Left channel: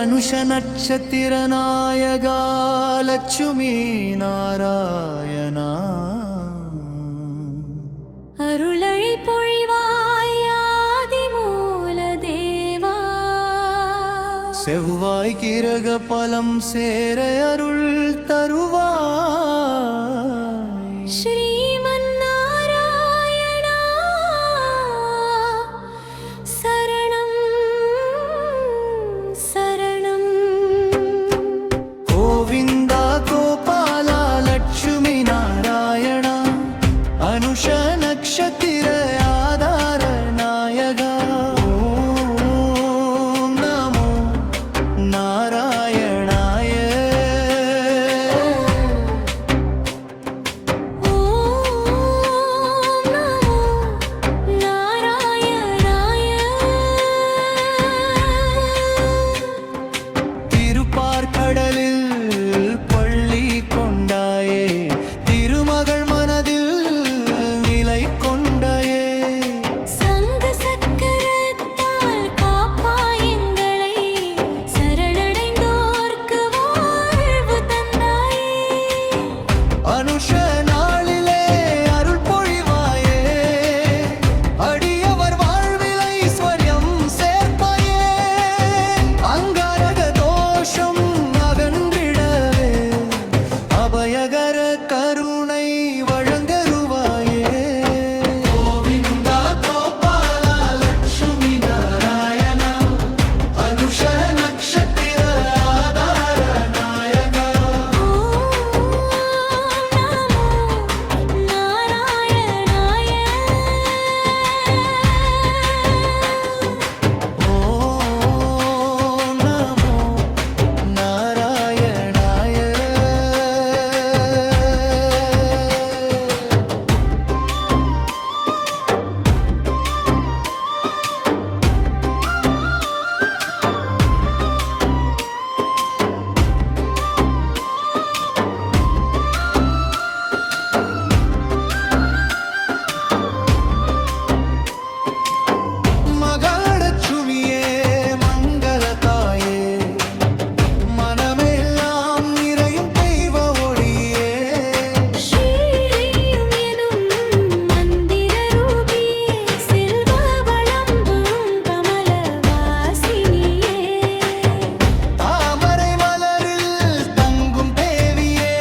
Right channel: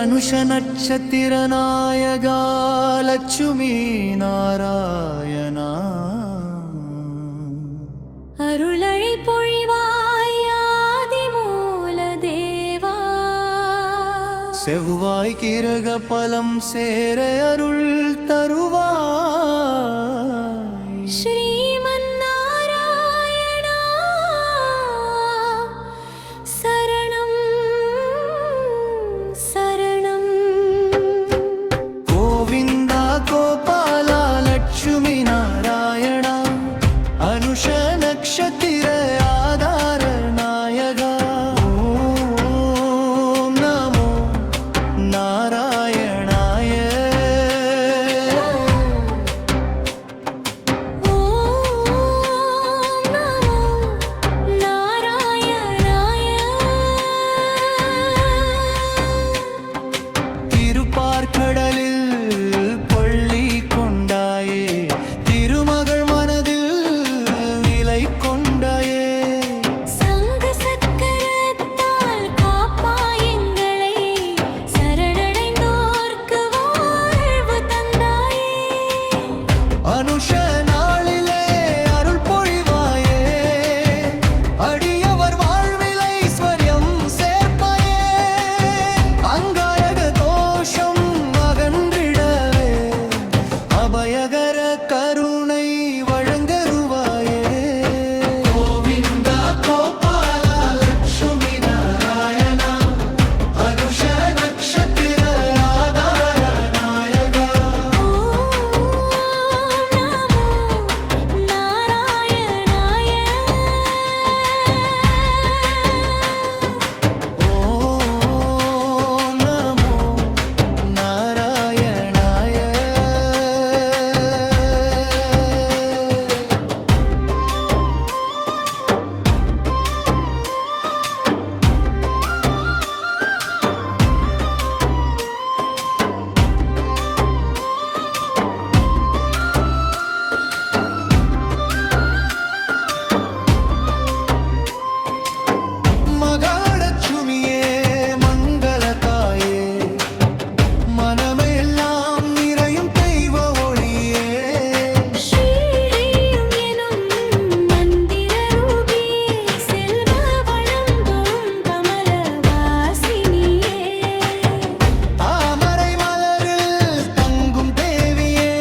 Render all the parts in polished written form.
அனுஷ நட்சத்திர நாயகா லட்சுமி நாராயணா அருளை பொழிவாய் ஆதி மூல தேவா செவ்வாய் கிரக பலம் சேர அருள் தருவாய் ஸ்ரீமன் நாராயணா சரணம் சரணம் கோவிந்தா கோபாலா லட்சுமி நாராயணா அனுஷ நக்ஷத்திர ஆதார நாயகா ஓம் நமோ நாராயணாய ஓம் நமோ நாராயணாய திருப்பார்கடலில் பள்ளி கொண்டாயே திருமகள் மனதில் நிலை கொண்டாயே சங்க சக்கரத்தால் காப்பாய் எங்களை சரணடைந்தோர்க்கு வாழ்வு தந்தாயே அனுஷ நாளிலே அருள் பொழிவாயே அடியவர் வாழ்வில் ஐஸ்வர்யம் சேர்ப்பாயே அங்காரக தோஷம் அகன்றிடவே அபயகர கருணை வழங்கருவாயே கோவிந்தா கோபாலா லட்சுமி நாராயணா அனுஷ நக்ஷத்திர ஆதார நாயகா ஓம் நமோ நாராயணாய ஓம் நமோ நாராயணாய மகாலட்சுமியே மங்கள தாயே மனமெல்லாம் நிறையும் தெய்வ ஒளியே ஸ்ரீரீம் எனும் மந்திர ரூபியே செல்வ வளம்பும் கமல வாசினியே தாமரை மலரில் தங்கும் தேவியே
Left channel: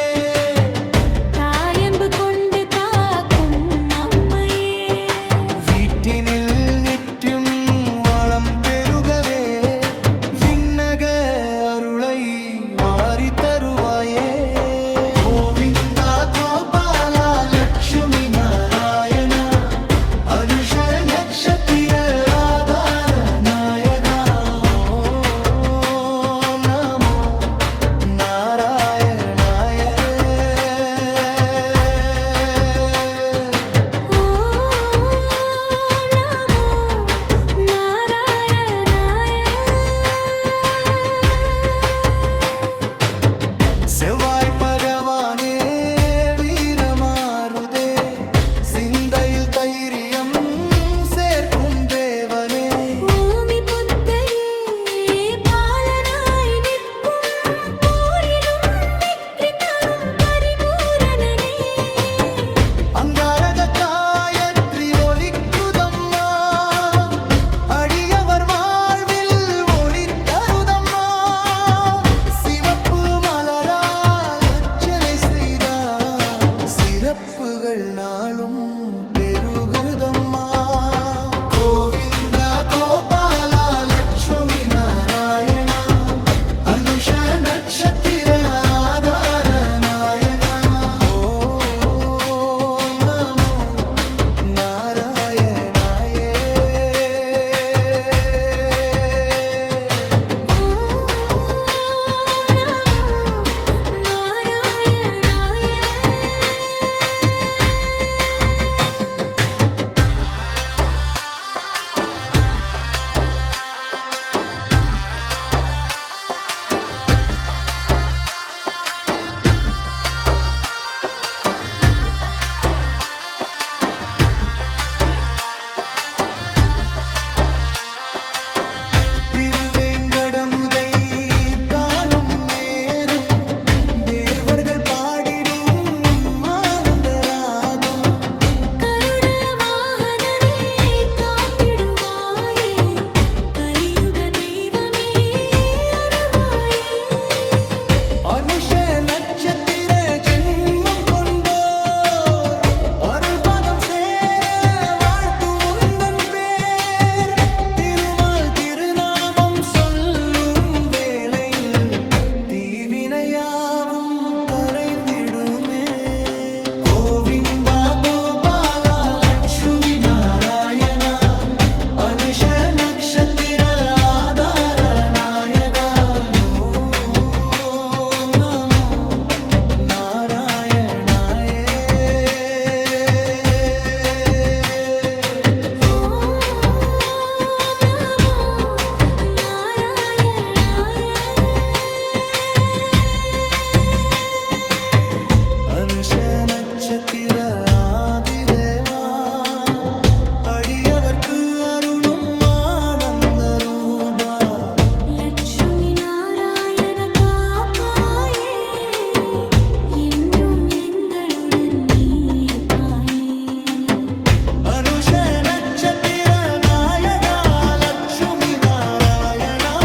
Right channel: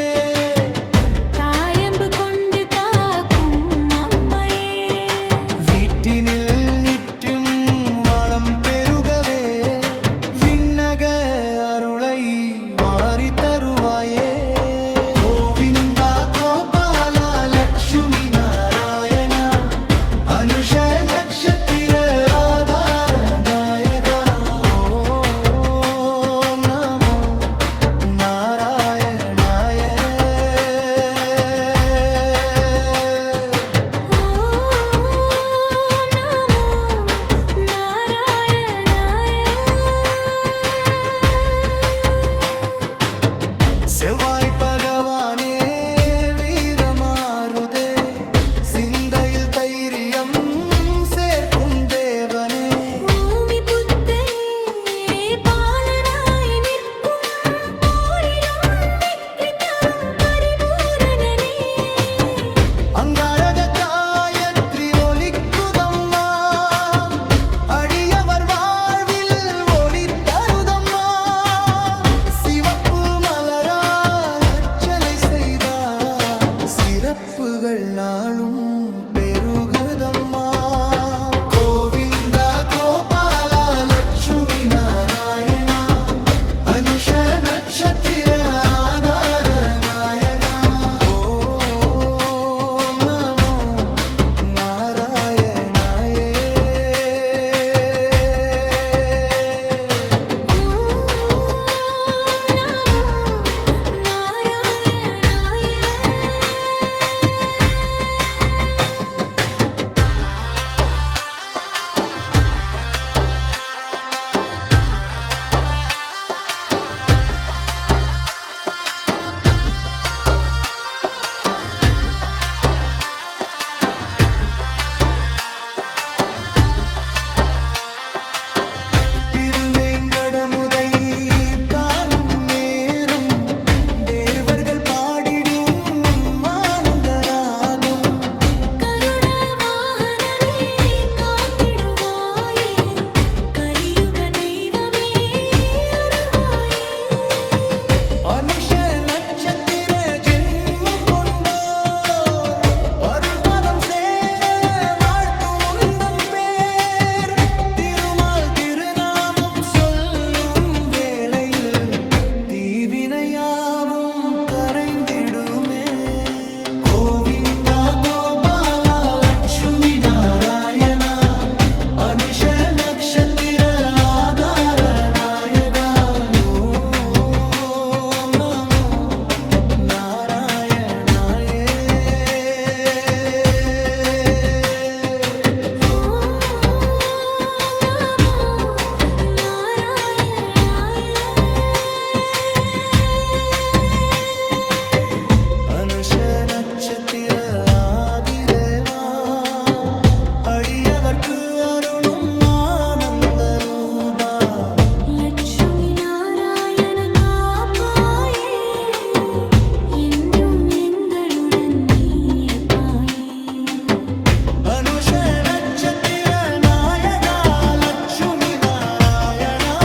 தாயம்பு கொண்டு காக்கும் அம்மையே வீட்டினில் நிற்றும் வளம் பெருகவே விண்ணக அருளை மாறி தருவாயே கோவிந்தா கோபாலா லட்சுமி நாராயணா அனுஷ நக்ஷத்திர ஆதார நாயகா ஓம் நமோ நாராயணாய ஓம் நமோ நாராயணாய செவ்வாய் பகவானே வீரமாருதே சிந்தையில் தைரியம் சேர்க்கும் தேவனே பூமி புத்தனே பாலனாய் நிற்கும் போரிலும் வெற்றி தரும் பரிபூரணனே அங்காரக காயத்ரி ஒலிக்குதம்மா அடியவர் வாழ்வில் ஒளி தருதம்மா சிவப்பு மலரால் அர்ச்சனை செய்தார் சிறப்புகள் நாளும் பெருகுதம்மா கோவிந்தா கோபாலா லட்சுமி நாராயணா அனுஷ நட்சத்திர ஆதார நாயகா ஓம் நமோ நாராயணாய ஓம் நமோ நாராயணாய திருவேங்கடமுதை நட்சத்திர ஆதிதேவா அடியவர்க்கு அருளும் ஆனந்த ரூபா லட்சுமி நாராயண காப்பாயே என்றும் எங்களுடன் நீ இருப்பாயே அனுஷ நட்சத்திர நாயகா லட்சுமி நாராயணா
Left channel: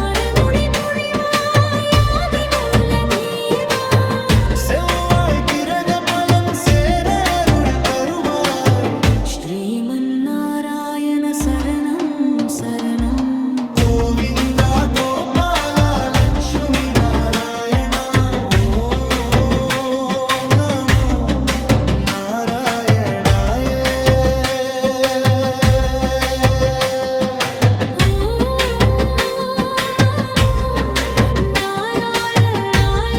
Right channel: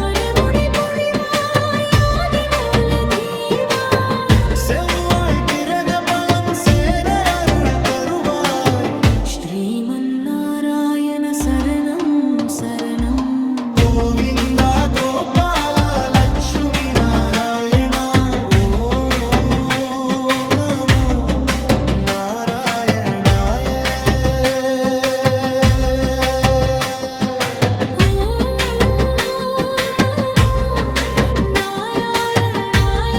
அருள்மொழி பொழிவாய் ஆதிமூல தேவா செவ்வாய் கிரக பலம் சேர அருள் தருவாய் ஸ்ரீமன் நாராயண சரணம் சரணம் கோவிந்தா கோபால லட்சுமி நாராயணா ஓம் நமோ நாராயணாய ஓம் நமோ நாராயணாய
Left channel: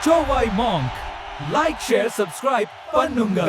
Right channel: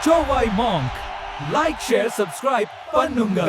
Chowai Monk. Like, share, subscribe, பண்ணுங்க